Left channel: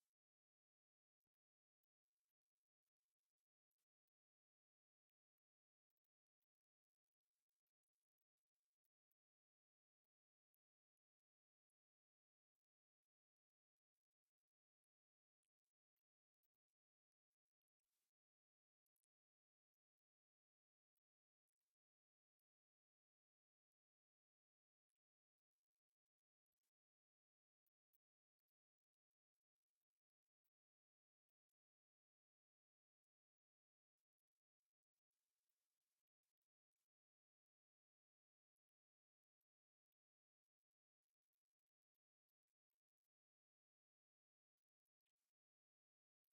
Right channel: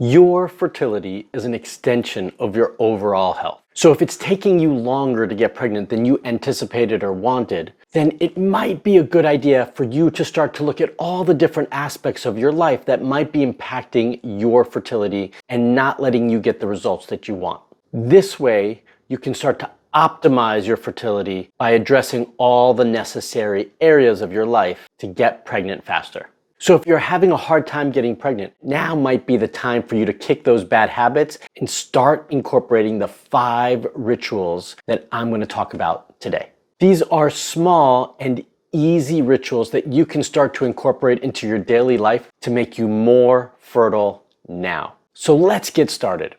Your fertility is an extension of your overall health. So if it's taking you longer to get pregnant than you anticipated or wanted, then it might be a good idea for you to start to look at all the different aspects of your life that might be impacting your fertility and not letting you get the results that you want. This way, you can start to optimize your fertility by addressing all the necessary areas of your life to get pregnant faster. So if you're having a hard time getting pregnant, now might be the time for you to kick those bad habits and start incorporating the 5 rituals that I'm going to talk about today. These are small and easy rituals that you can start to incorporate into your daily life to make you more fertile now. So let's get started.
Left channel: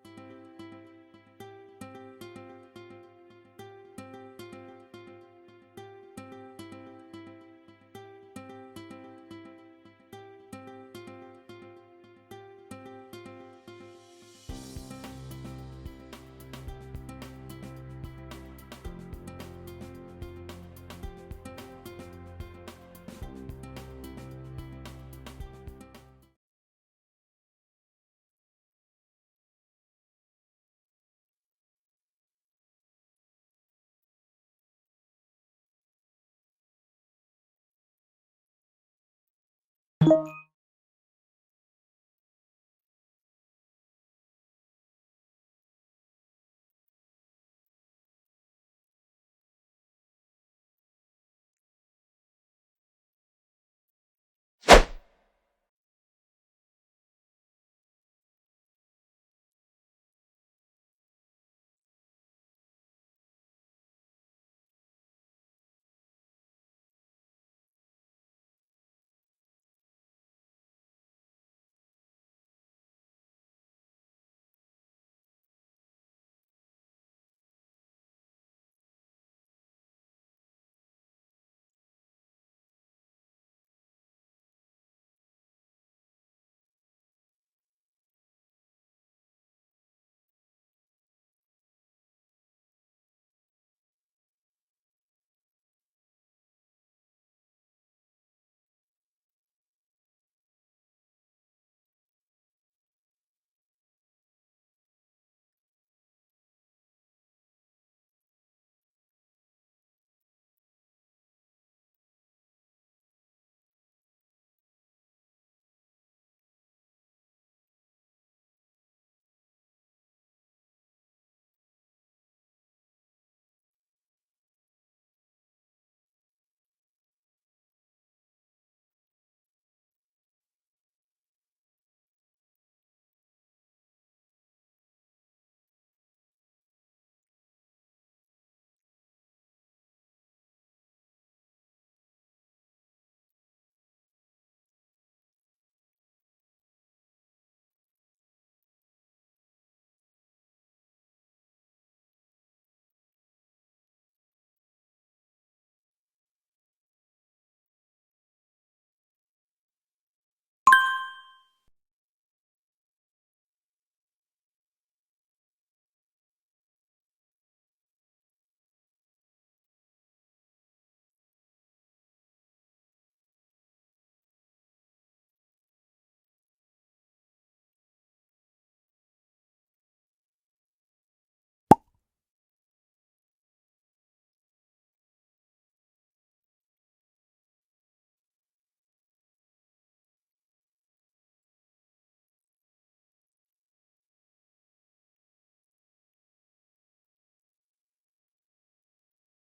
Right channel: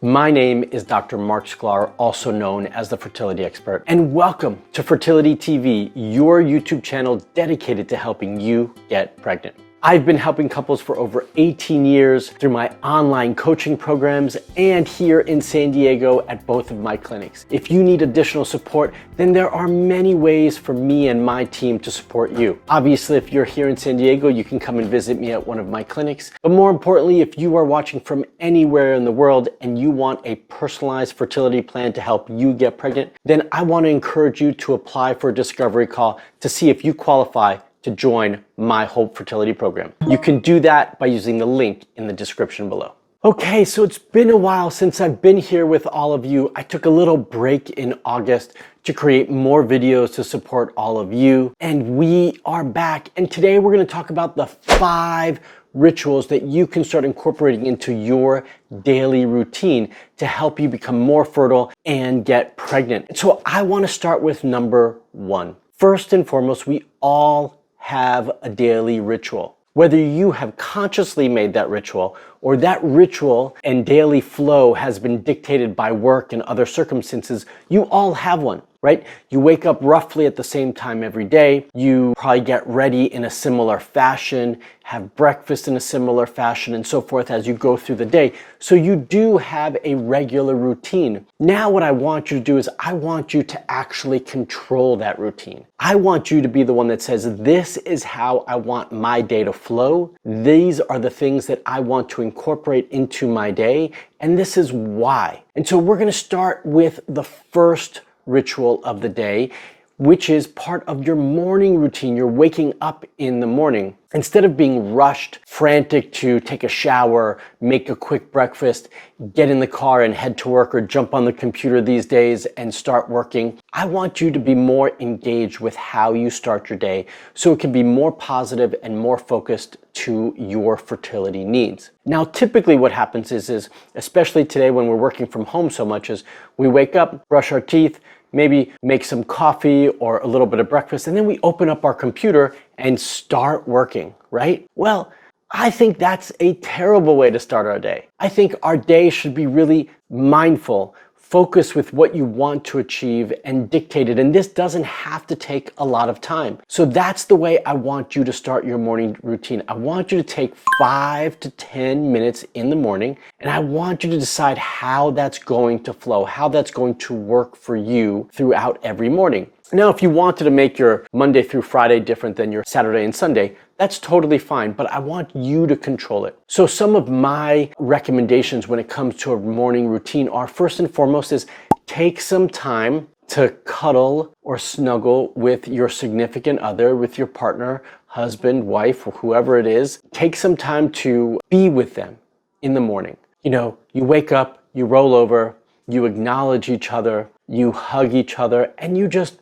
My name is Dr. Marc Sklar, also known as the Fertility Expert, and welcome to Fertility TV, your YouTube channel dedicated to helping you get pregnant. I've been helping couples for over 18 years through my online coaching programs and here in San Diego at both of my clinics. If you need additional support, then there are many ways for me and my team to support you. Obviously, if you're here in San Diego, you can come and visit me at one of my clinics. But more importantly, if you are watching from anywhere in the world and you want a personalized fertility plan to help you get pregnant, then I want to encourage you to apply for a discovery call to see if you qualify to join my Hope Fertility program. You can do that by using the link in the description below. Okay, so it's been a while since I've been here with all of you. I took a little break in August to create more videos to support all of you, and we are back. And today we're going to talk about the 5 rituals that you can start incorporating into your daily routine to help you become more fertile and get pregnant. So I want to start with number 1. First and foremost, we all have a daily ritual. Whether you have consciously made that ritual or that ritual and daily flow has been dictated by work and other circumstances, you all have one, right? You wake up roughly at the same time every day. You probably get ready in a similar fashion, have breakfast in a similar fashion, and so forth as you go through the day. So you do have a regular routine. Now what I want you to do is I want you to actually control that routine. I want you to be the one that says, this is how I want my day to flow. These are the things that I want to incorporate into my day, and this is why. And so we're going to start with the first ritual of the day, which is part of your morning routine. You're waking up in the morning. Instead of being rushed, frantic to take a shower, make a quick breakfast, get in the car and head to work or jump on the computer these days and start working, I want you to be more engaged with how you start your day so it can be more positive and more focused to your fertility needs. Now, typically what happens is especially today when we're working from home so much, is we wake up, brush our teeth, maybe make some coffee or a little bit of breakfast, and then we open up our computer and start working, right? Well, I think that's a terrible way to start our day. I think our day should be really mindful, focused with what you want to achieve and dictated, and this doesn't have to take a lot of time. So that's the way I want you to start your morning routine. I want you to take 5 to 10 minutes in the morning, and I want you to decide how that's going to flow, how that's going to work for you throughout every morning. Now, if you wanted to make your Monday through Friday different than your Saturday and Sunday, that's totally fine, but I want you to control it. So some of my recommendations when it comes to a morning routine are, first and foremost, is take some time to cuddle or snuggle with your significant other, with your partner, husband, wife, or whoever it is. Take some time to be with them in the morning. You know, you wake up, you roll over, you acknowledge each other, you hug each other, and you just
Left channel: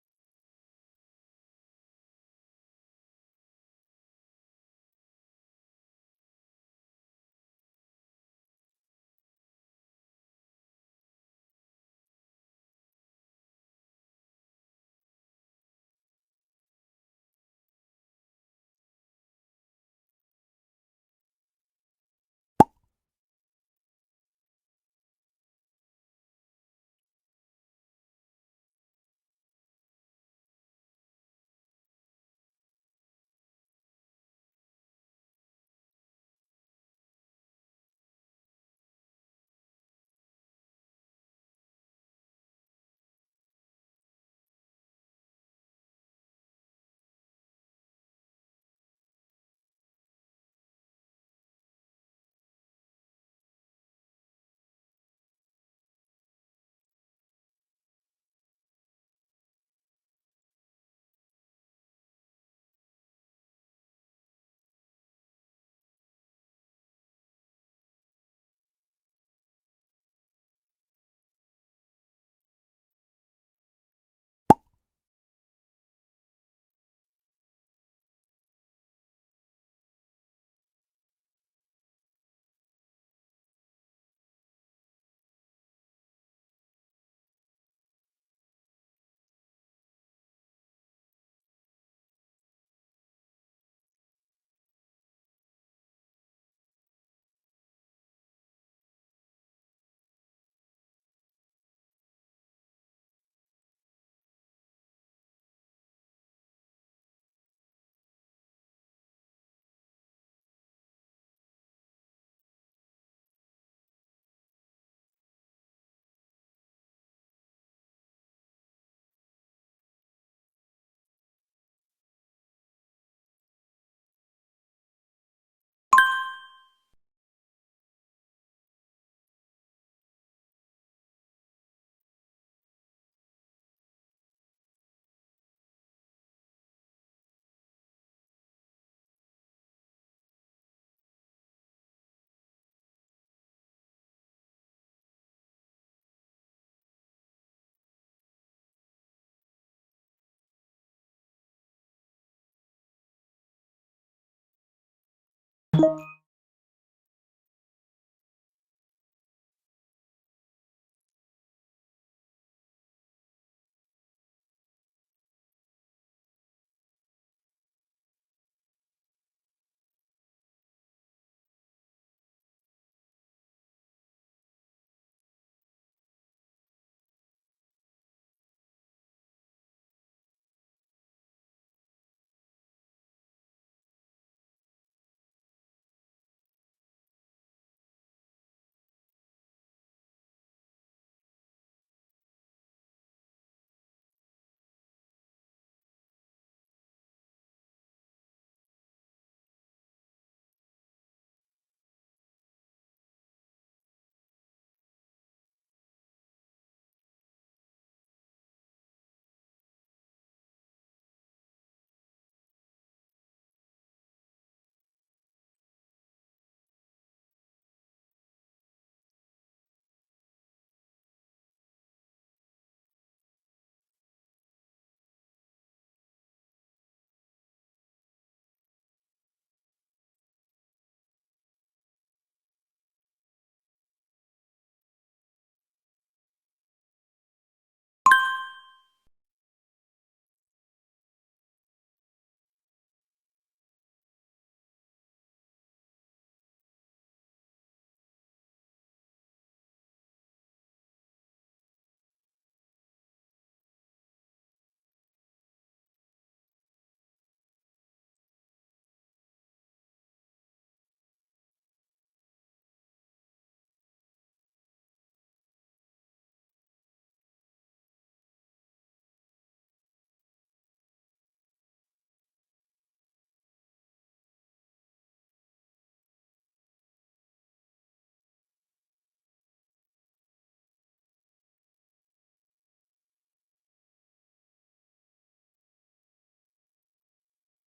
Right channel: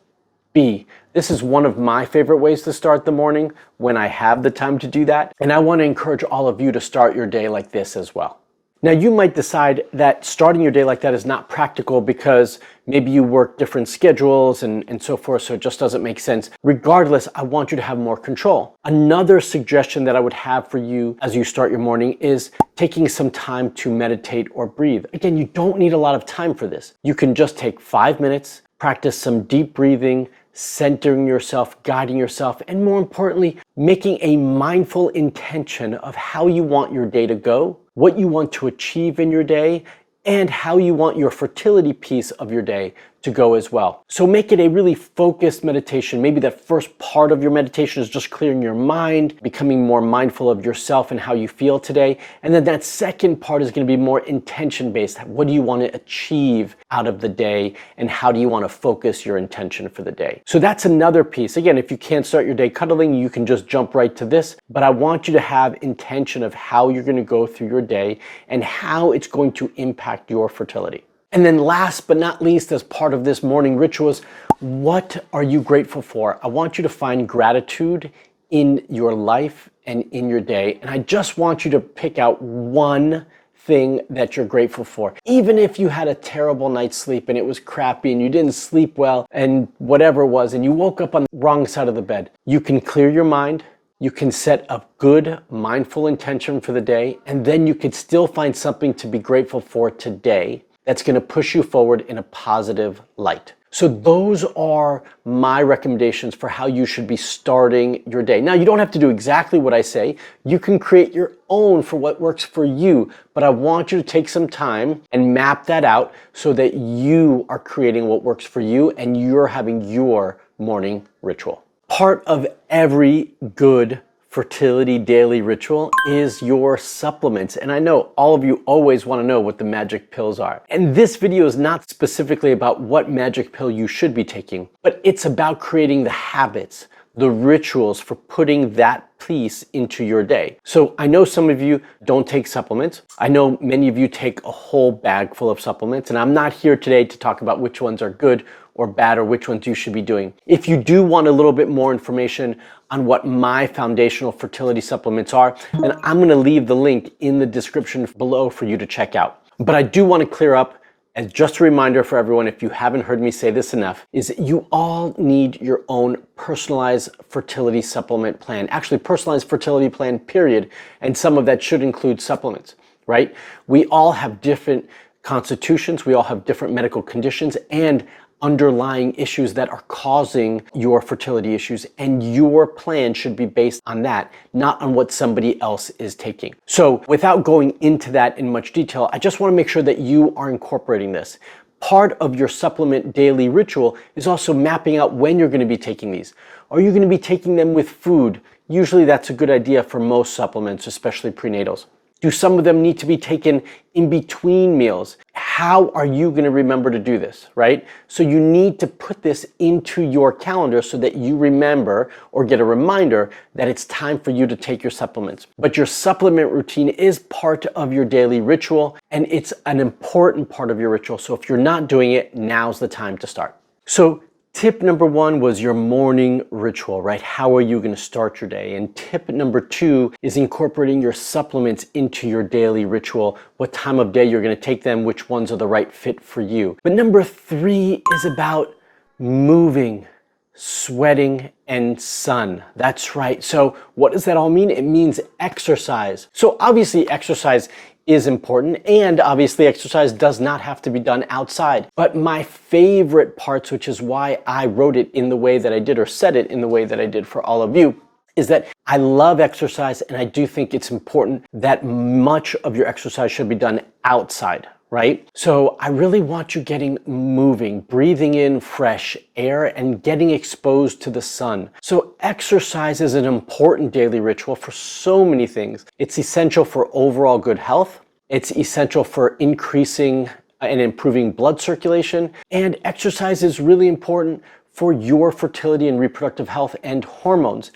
be. This is one of my favorite ways to start the morning when I have the time to do that. And I want to encourage all of you to start your day like this as well. Now, you might decide that starting your day like that is not practical because maybe you work different schedules and so forth, so it just doesn't make sense. Regardless, I want you to have more control. Another suggestion that I would have for you as you start your morning is taking some time to meditate or breathe. Again, you don't need a lot of time for this. You can just take 5 minutes, practice some deep breathing, centering yourself, guiding yourself, and more importantly, making a mindful intention of how you want your day to go, what you want to achieve in your day, and how you want your fertility piece of your day to go as well. So make it a really focused meditation. Maybe that first part of your meditation is just clearing your mind, becoming more mindful of yourself and how you feel today. And then that second part is going to be more intention-based. What do you want to achieve out of the day, and how do you want to focus your intention for the day? So that's another piece. Again, if you can't start your day cuddling, you can just jump right to this, but I want you to have intention of how you're going to go through your day and how it's going to impact your fertility. And then last but not least, as part of this morning rituals, what are you grateful for? I want you to find gratitude in your life and in your day. And I just want you to pick out one thing that you're grateful for. Even if you had a terrible night's sleep and it was crappy and you didn't sleep well and whatever it was, and you woke up on the wrong side of the bed, you can clear your mind. You can set a good mindful intention for the day, and then you could still find something to be grateful for today that's going to push you forward in a positive light. So those are my recommendations for how you should be starting your day. Now, you don't have to do exactly what I say. You can create your own for what works for you, but I want you to take some time and map that out so that you are creating what works for you and you're having your morning ritual. Part of every good fertility daily ritual is your supplements. And I know all of you always want to know what the magic pills are. And this video is not specifically about what magic pill you should be taking, but it's about creating the habits, the rituals for putting that piece into your day. So I know some of you don't take supplements. I know many of you take a whole bag full of supplements, and I'm not here today to talk about which ones are good or bad or which ones you should be doing. If you do want a little bit more information on what my foundational fertility supplements are, then I'm going to leave the link in the description below for you to check out. But I do want to clear up, as just a reminder for everyone, if you haven't heard me say this enough, is that you all need your own personalized fertility supplement plan. Actually, personalized fertility plan, period. And some of that should include supplements, right? We all have different constitutions. We all have different medical conditions and underlying issues that are causing your fertility issues, and your plan should be based on that, not on what somebody else is taking. So without going into that in much detail, I just want to make sure that you are incorporating this. Part of your supplement daily ritual is also mapping out when you're going to be taking these. Are you going to be taking them with food? Usually that's a good idea for most supplements, especially prenatals. Do some of them need to be taken in between meals? How are you going to remember to do this, right? So you need to put this into your calendar so that you remember or get a reminder that it's time for you to take your supplements. But your supplement routine is part of your daily ritual, and it's an important part of your ritual. So if you're not doing it, now's the time to start. So tip number one was your morning ritual, right? How are you going to start your day? And tip number two is incorporating your supplements into your daily ritual, what time of day you're going to take them, which ones are the right fit for you. But number three is about moving, sweating, and sun. That's right. So what does that all mean? It means exercise. So obviously exercise is important, and obviously exercise does not have to be done outside. But my favorite parts, which is why I wrote it in the way that I did or said it in the way that I did for all of you, is that I love exercise, and I do think it's important that much of your exercise should be done outside, right? So I really want you getting moving, breathing in fresh air and getting exposed to the sun. So exercise is an important daily ritual for so many things. It's essential for overall good health. It's essential for increasing and improving blood circulation. And exercise is really important for your fertility and reproductive health and hormones.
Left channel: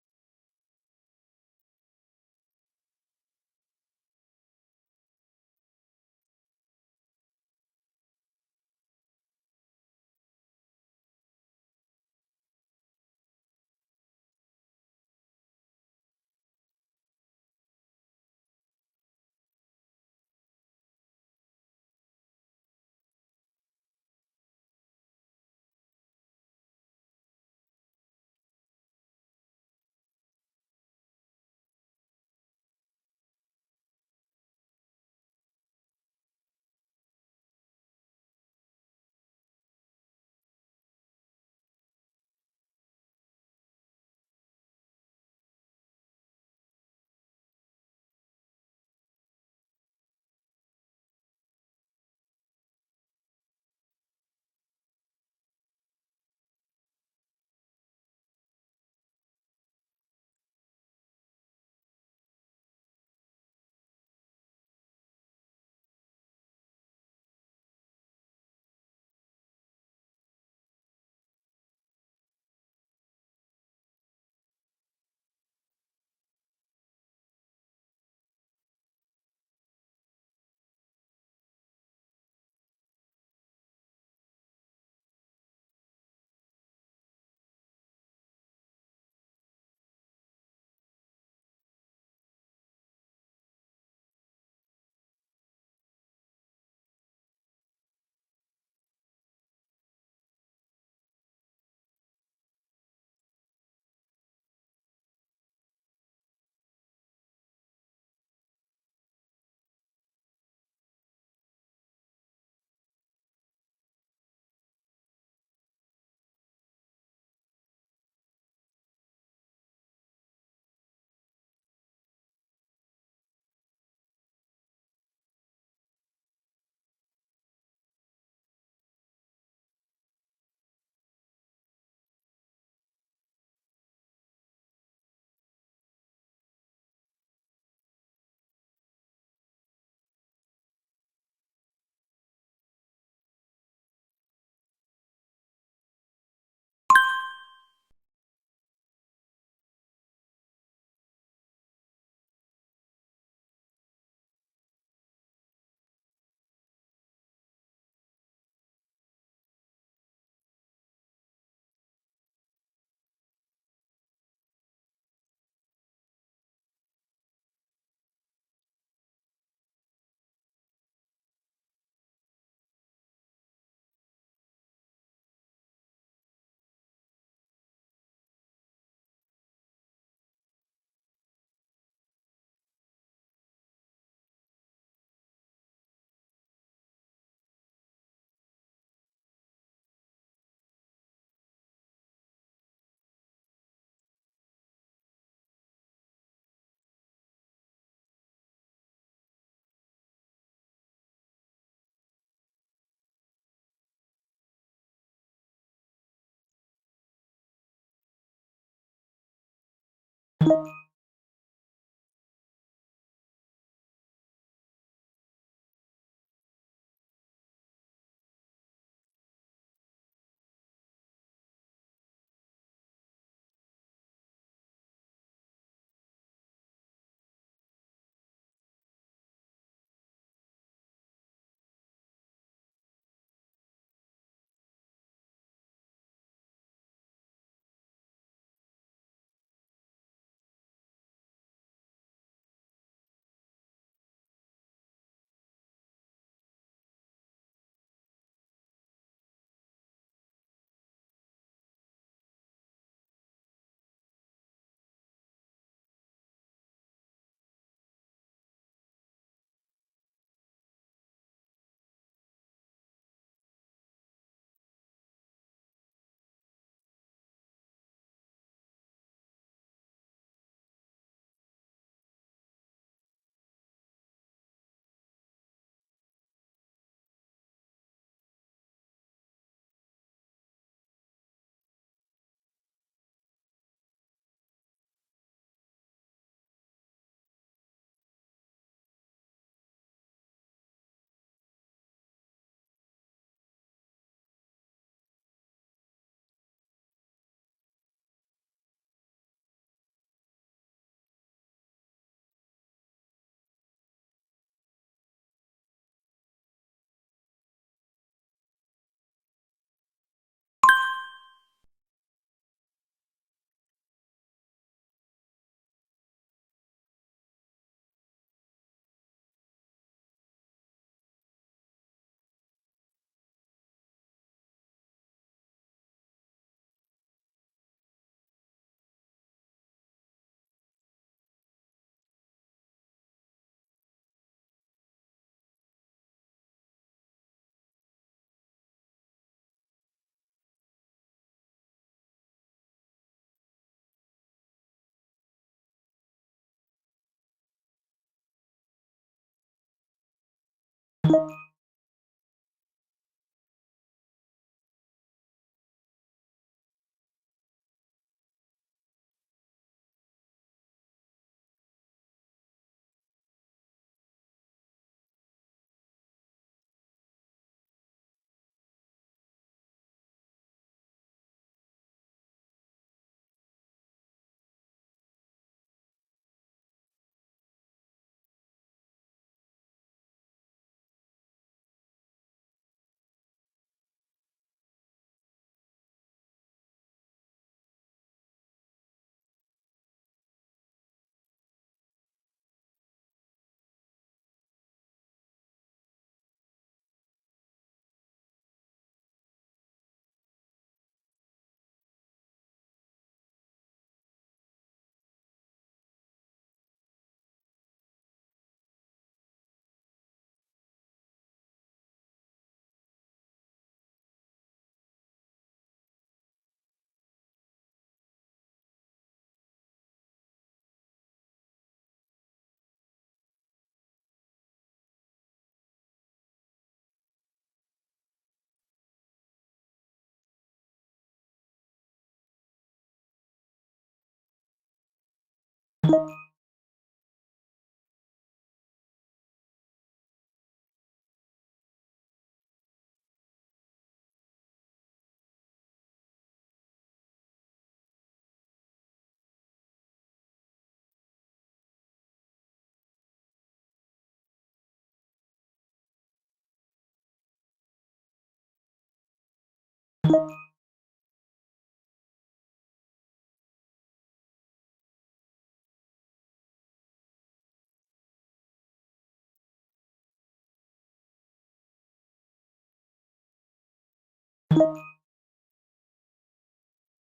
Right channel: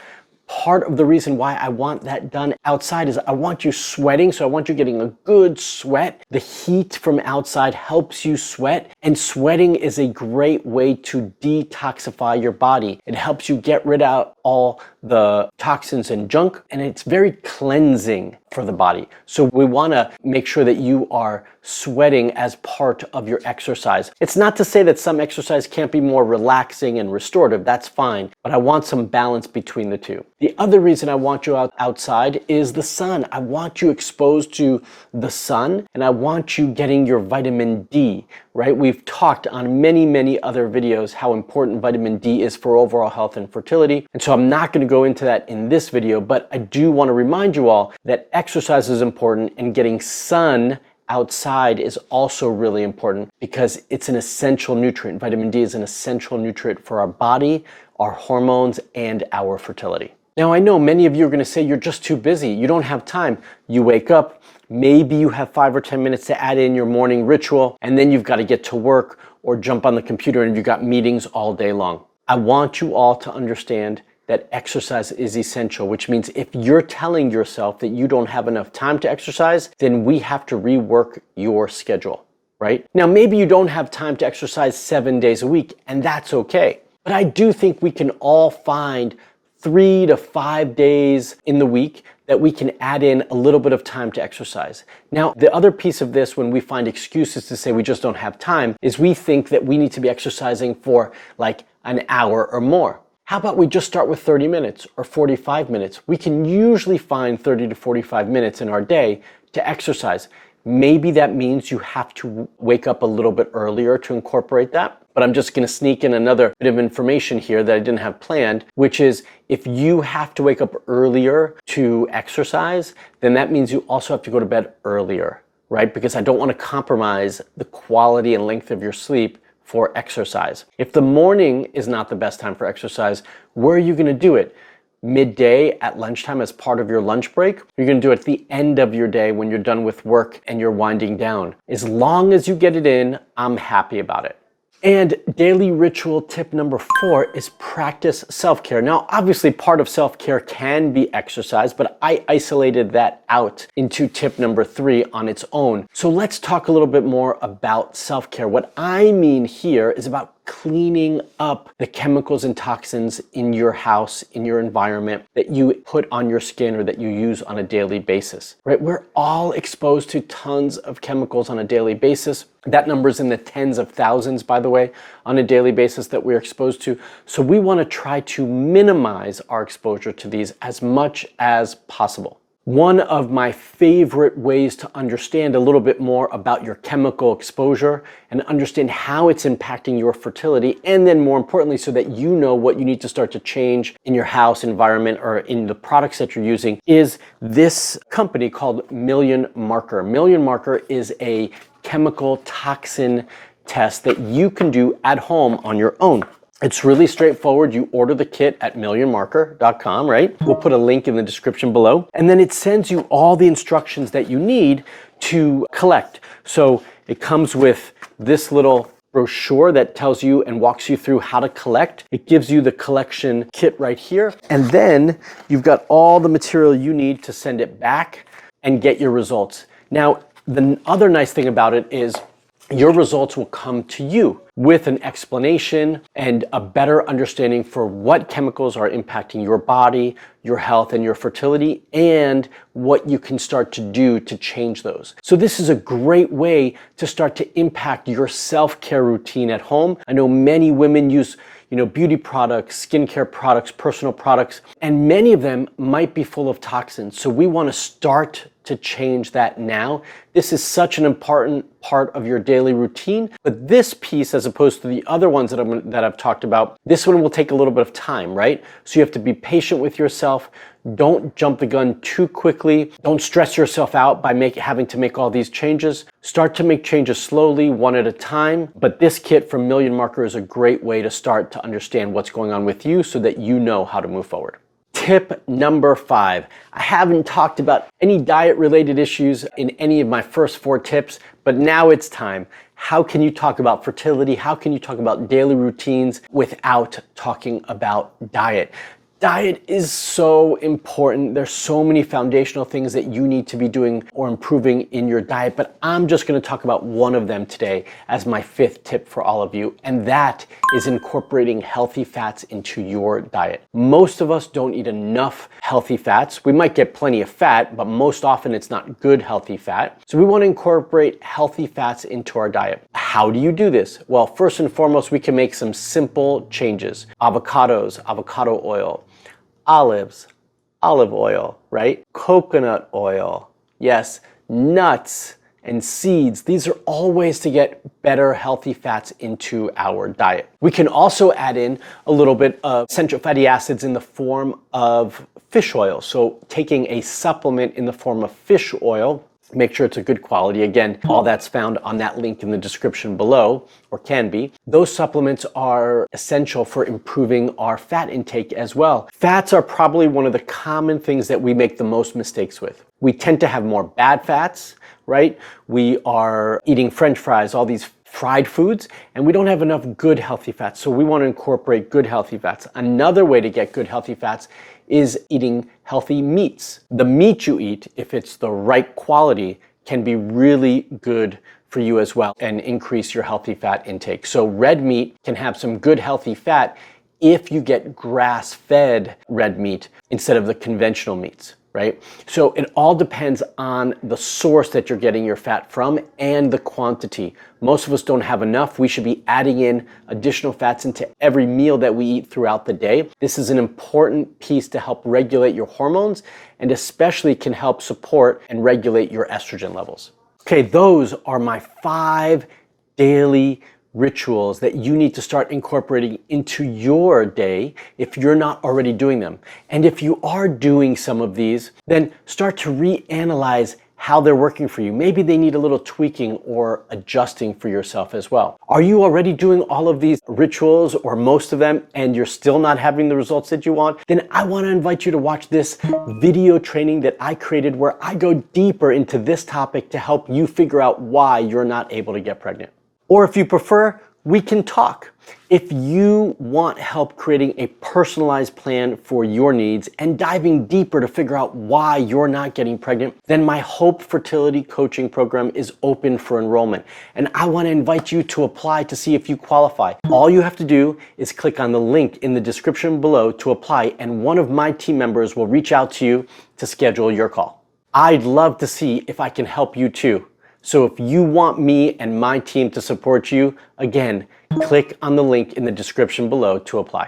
Part of the reason why I want that done outside is I want you sweating, so I want you getting a good sweat. The heat from outside helps you sweat, and sweating is a great way to detoxify your body. It helps you get rid of all the toxins and junk, and it's very cleansing for the body. So we want to make sure that you are sweating as part of your exercise. It's not to say that some exercise can't be more relaxing and restorative. That's fine, but I want some balance between the two. The other reason I want you outside is the sun. I want you exposed to the sun, and I want you getting your vitamin D, right? We've talked on many other videos how important vitamin D is for overall health and fertility. And so I'm not going to go into that in this video, but I do want to remind you all that exercise is important, and getting sun outside is also really important because it's an essential nutrient. Vitamin D is an essential nutrient for our body, our hormones, and our fertility. Now, I know many of you are going to say you're just too busy. You don't have time. You wake up, maybe you have 5 or 10 minutes to add in your morning ritual, and then you've got to get to work or jump on the computer and you've got meetings all day long. I want you all to understand that exercise is essential, which means if you're telling yourself that you don't have enough time to exercise, then we have to rework your schedule, right? Now, maybe you don't have time to exercise 7 days a week, and that's okay. But I do think we can all find 3 to 5 days in the week that we can add in a little bit of time to exercise. Now, the other piece of this, when we find excuses to say we just don't have time, is we think that we need to be exercising for like an hour or more. How about we just start with 30 minutes or 45 minutes? We can usually find 30 to 45 minutes in our day to exercise. Maybe that means you have to wake up a little bit earlier to incorporate that. But I'm just going to sneak in another bit of information here that I didn't have planned, which is if you have to wake up earlier to exercise, then that means you also have to go to bed earlier, right? Because I don't want to compromise the quality and length of your sleep for exercise. If the morning is not the best time for exercise, where are you going to do it? Midday at lunchtime as part of your lunch break? You're going to do it at the end of your day when you're done with work and you're winding down. As long as you get it in, I'm happy about it. And daily ritual tip number 4 is practice self-care. Now, obviously part of self-care can be exercise, but I isolated that out into tip number 3 on its own. So let's talk a little bit more about self-care. What I mean here is about cleaning up the chemicals and toxins in your house, in your environment that you put on your skin or that you use on a daily basis, right? We're all exposed to tons of chemicals on a daily basis. That number is in the tens of thousands, by the way, on a daily basis that we're exposed to. So we want to try to minimize our exposure to these as much as possible. One of my favorite ways to understand a little bit more about your chemical exposure and understand how it's impacting your fertility, and then more importantly, so that you know what you need to start to change in your house environment or in the products that you're using, is this company called Million Marker. Million Marker is a chemical toxin test that you can do at home on your own. It's really straightforward. You order the kit at millionmarker.com, right? We'll put a link in the description below. And then it sends you all the instructions that you need to collect. So it comes with this little brochure that tells you and walks you through how to collect. It gives you the collection kit right here. And then you've got all the material you need to send it back and get your results. Now, the other nice thing about it is your results will come to you with an explanation and a better understanding for what chemicals are impacting your body, your health, and your fertility, and what you can start to do to change those. So this is a great way to start to impact your self-care routine at home. I know many women use beauty products, skincare products, personal products, and many of them might be full of toxins. So we want to start to change that now. This is such an important part of your daily routine, but this piece, as opposed to the other ones that I've talked about, this one will take a little bit of time, right? So you have to be patient with yourself. Don't jump the gun too quickly. Don't stress yourself out by having to make all these changes. Start to make changes slowly, one at a time. But this kit from Million Marker is a great way to start to understand what's going on with you so that you know how to move forward. Tip number 5. I haven't talked about any diet-related issues in any of my first 4 tips, but now it's time. How can you talk about fertility? How can you talk about daily routines without talking about diet? Diet is so important. There's so many foundational things that you need to be doing or improving in your diet, but I'm just going to talk about one of them today as my 5th tip for all of you, and that is incorporating healthy fats into your diet. Most of us don't eat enough healthy fats. We might get plenty of fat, but most often it's not good healthy fat. So we want to incorporate healthy fats into our diet. How do you do this? Well, first and foremost, we can make some simple changes. Avocados, avocado oil. Olives, olive oil, right? Coconut oil, yes, nuts and seeds. These are all ways to get better healthy fats into our diet. We can also add in a little bit of essential fatty acids in the form of fish oil. So taking a supplement in the form of fish oil Make sure it's a good quality. Again, all that's found on that link in the description below, or can be. Those supplements are essential for improving our fat intake as well. Fats are probably one of the common things that we make the most mistakes with. We tend to have more bad fats, right? We are eating French fries, all these fried foods, and we don't have enough good healthy fats. So we want to incorporate good healthy fats. Another way to get good healthy fats is eating healthy meats. The meat you eat, if it's the right quality, can be really good for you as well and increase your healthy fat intake. So red meat can have some good healthy fat if you get grass-fed red meat instead of the conventional meats, right? So it all depends on the source that you're getting your fat from and the quantity. Most of us don't have enough. We should be adding in additional fats into every meal that we eat throughout the day. This is an important piece to help regulate your hormones and especially can help support and regulate your estrogen levels. Okay, those are my 5 daily rituals that you need to start incorporating into your day if you're not already doing them. And if you are doing some of these, then start to reanalyze how they're working for you. Maybe they need a little tweaking or adjusting for yourself as well. Are you already doing all of these rituals or most of them and you're still not having the results that you want? Then I want to invite you to watch this video training that I created where I go deeper into this topic to help you figure out why you're not able to get pregnant. Or if you prefer, we can talk. If you want help creating a personalized plan for your needs and diving deeper to figure out why you're not getting pregnant, then my Hope Fertility Coaching Program is open for enrollment. And I want to invite you to apply to see if you qualify. All you have to do is click on the link in the description below to apply, and one of my team members will reach out to you to schedule your call. I'd love to see if I can help you too. So if you want me and my team to support you, again, click on the link in the description below to apply.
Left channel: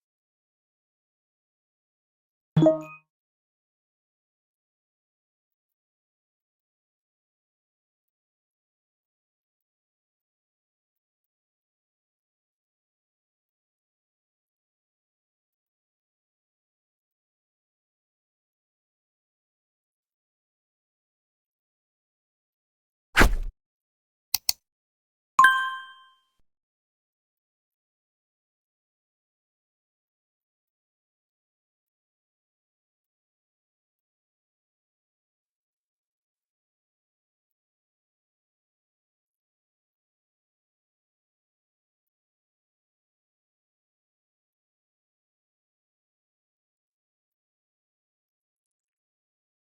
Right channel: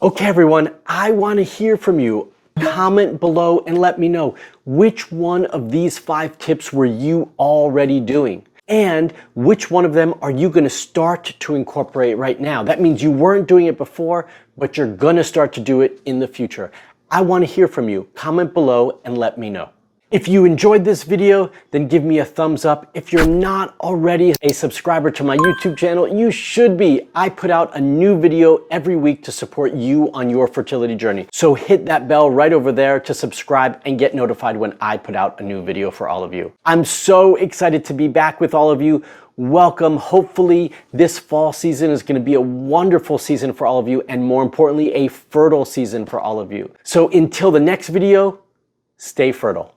Okay, everyone, I want to hear from you. Comment below and let me know which one of these 5 tips were you already doing? And which one of them are you going to start to incorporate right now? That means you weren't doing it before, but you're going to start to do it in the future. I want to hear from you. Comment below and let me know. If you enjoyed this video, then give me a thumbs up. If you're not already a subscriber to my YouTube channel, you should be. I put out a new video every week to support you on your fertility journey. So hit that bell right over there to subscribe and get notified when I put out a new video for all of you. I'm so excited to be back with all of you. Welcome. Hopefully this fall season is going to be a wonderful season for all of you, and more importantly, a fertile season for all of you. So until the next video, stay fertile.